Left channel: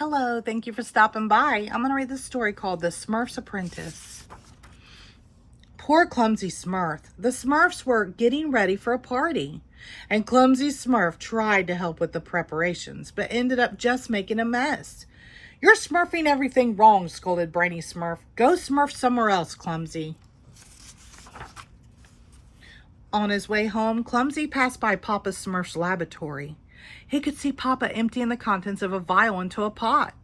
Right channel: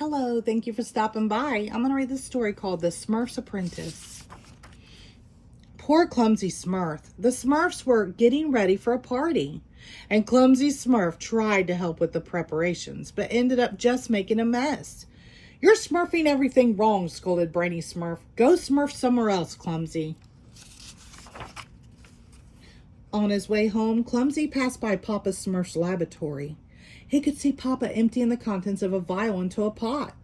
Hello, thank you for stopping by. I'm going to read this story called The Smurf's Apprentice. Poor clumsy Smurf. The Smurfs were getting ready for a party, and clumsy Smurf tried to help with the preparations, but ended up just making a mess. You're smurfing everything wrong, scolded Brainy Smurf. Go smurf somewhere else, Clumsy. On his way home, Clumsy passed by Papa Smurf's laboratory. He could see Papa emptying the contents of a vial into a pot.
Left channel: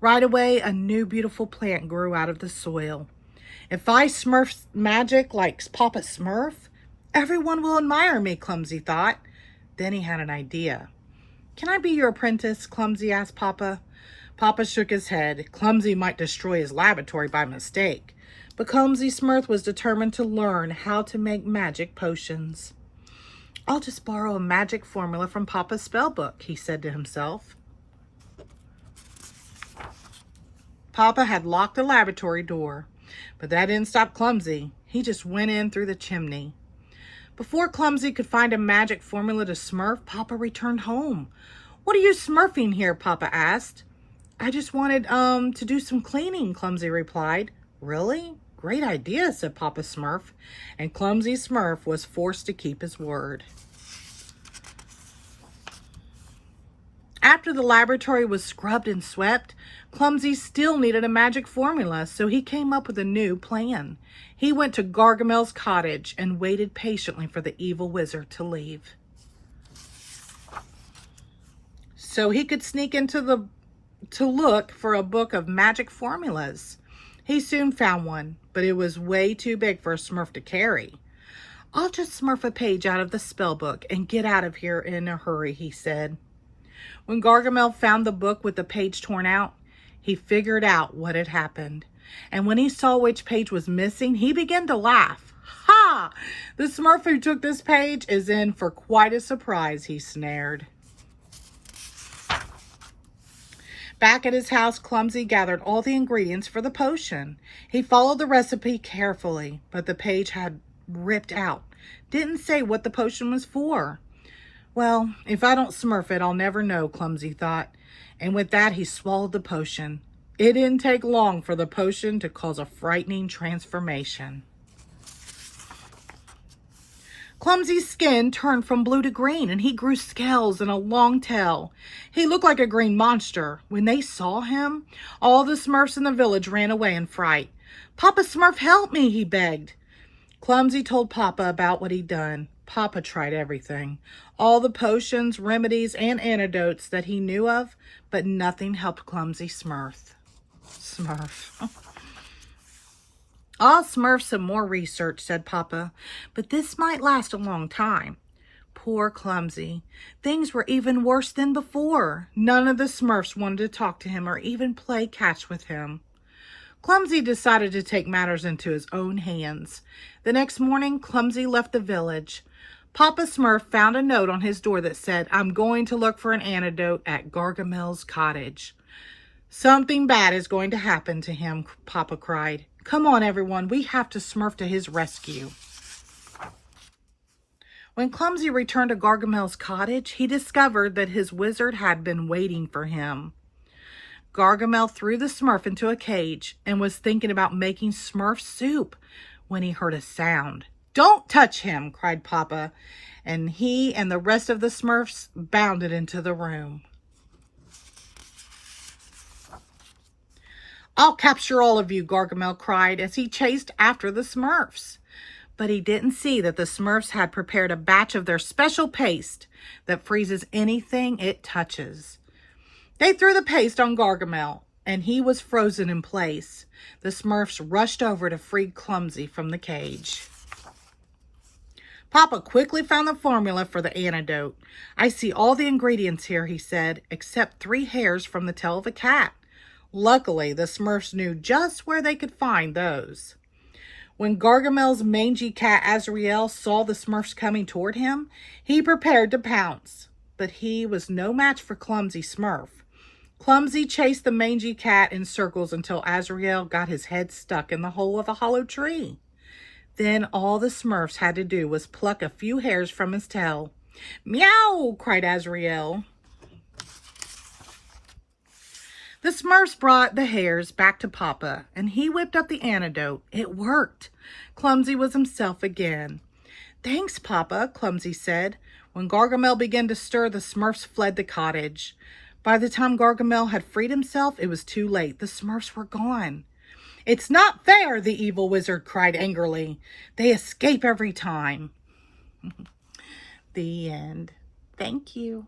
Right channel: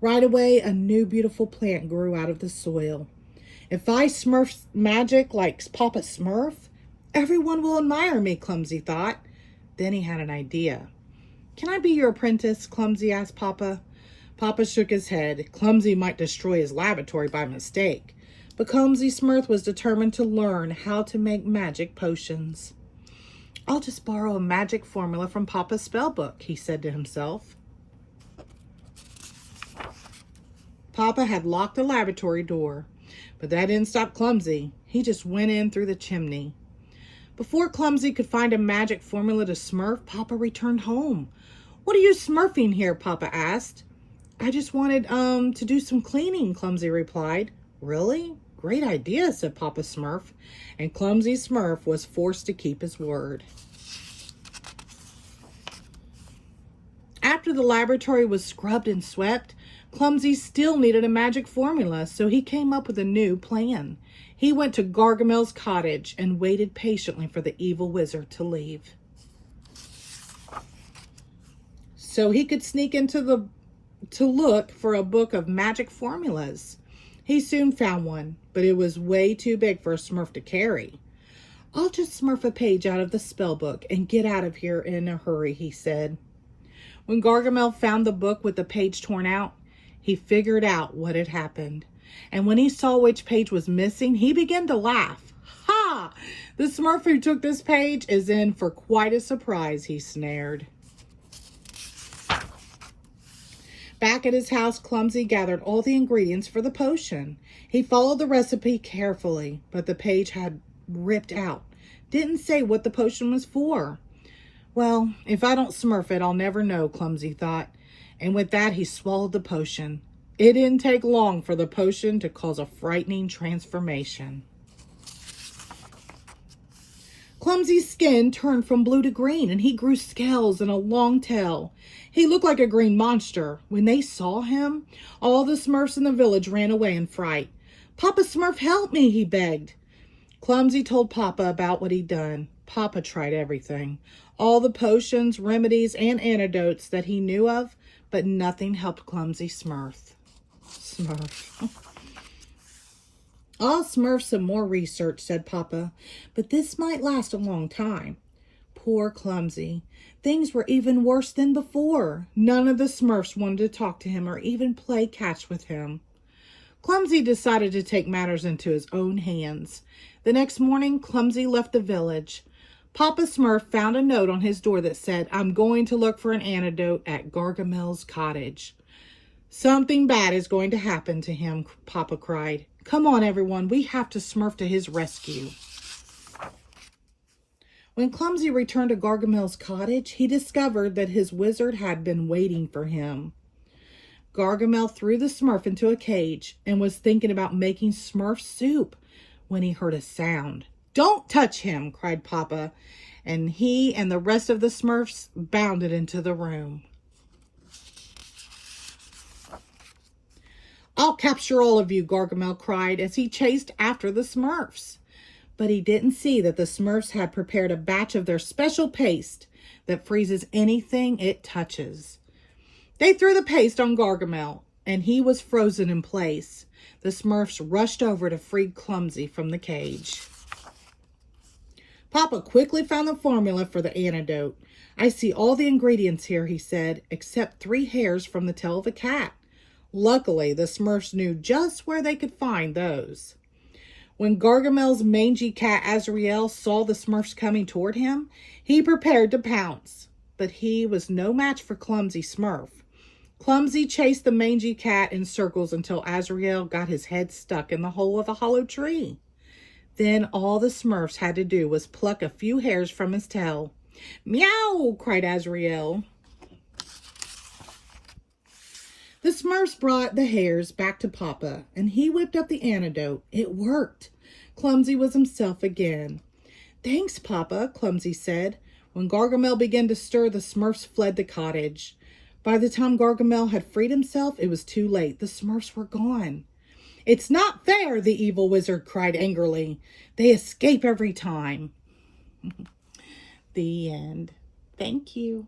Right away, a new beautiful plant grew out of the soil. If I smurf magic like Papa Smurf, everyone will admire me, Clumsy thought. Then he had an idea. Can I be your apprentice? Clumsy asked Papa. Papa shook his head. Clumsy might destroy his laboratory by mistake. But Clumsy Smurf was determined to learn how to make magic potions. I'll just borrow a magic formula from Papa's spell book, he said to himself. Papa had locked the laboratory door, but that didn't stop Clumsy. He just went in through the chimney. Before Clumsy could find a magic formula to smurf, Papa returned home. What are you smurfing here? Papa asked. I just wanted to do some cleaning, Clumsy replied. Really? Great idea, said Papa Smurf, and Clumsy Smurf was forced to keep his word. After the laboratory was scrubbed and swept, Clumsy still needed a magic formula, so he came up with a new plan. He went to Gargamel's cottage and waited patiently for the evil wizard to leave, so he could sneak into to look for a book of magic formulas. He soon found one, but it was way too big for a Smurf to carry. I'll just smurf a page out of the spell book and get out of here in a hurry, he said. When Gargamel found the book with the page torn out, he figured out what had happened. And when he saw which page was missing, he began to laugh. Ha! The Smurf who took this page is in for quite a surprise, he snared. Back at his house, Clumsy gathered all the ingredients for the potion. He followed the recipe carefully, but the page had ripped out. Didn't say what the potion was for. Well, if I don't smurf it, I'll never know, Clumsy thought. And with that, he swallowed the potion. It didn't take long for the potion to cause a frightening transformation. Clumsy's skin turned from blue to green, and he grew scales and a long tail. He looked like a green monster. When they saw him, all the Smurfs in the village ran away in fright. Papa Smurf, help me, he begged. Clumsy told Papa about what he'd done. Papa tried everything, all the potions, remedies, and antidotes that he knew of, but nothing helped Clumsy Smurf. I'll smurf some more research, said Papa, but this might last a long time. Poor Clumsy. Things were even worse than before. None of the Smurfs wanted to talk to him or even play catch with him. Clumsy decided to take matters into his own hands. The next morning, Clumsy left the village. Papa Smurf found a note on his door that said, I'm going to look for an antidote at Gargamel's cottage. Something bad is going to happen to him, Papa cried. Come on, everyone, we have to smurf to his rescue. When Clumsy returned to Gargamel's cottage, he discovered that his wizard had been waiting for him. Gargamel threw the Smurf into a cage and was thinking about making Smurf soup when he heard a sound. Don't touch him, cried Papa, and he and the rest of the Smurfs bounded into the room. I'll capture all of you, Gargamel cried as he chased after the Smurfs. But he didn't see that the Smurfs had prepared a batch of their special paste that freezes anything it touches. They threw the paste on Gargamel, and he was frozen in place. The Smurfs rushed over to free Clumsy from the cage. Papa quickly found the formula for the antidote. I see all the ingredients here, he said, except 3 hairs from the tail of a cat. Luckily, the Smurfs knew just where they could find those. When Gargamel's mangy cat Azrael saw the Smurfs coming toward him, he prepared to pounce. But he was no match for Clumsy Smurf. Clumsy chased the mangy cat in circles until Azrael got his head stuck in the hole of a hollow tree. Then all the Smurfs had to do was pluck a few hairs from his tail. Meow, cried Azrael. The The Smurfs brought the hairs back to Papa, and he whipped up the antidote. It worked. Clumsy was himself again. Thanks, Papa, Clumsy said. When Gargamel began to stir, the Smurfs fled the cottage. By the time Gargamel had freed himself, it was too late. The Smurfs were gone. It's not fair, the evil wizard cried angrily. They escape every time. The end. Thank you.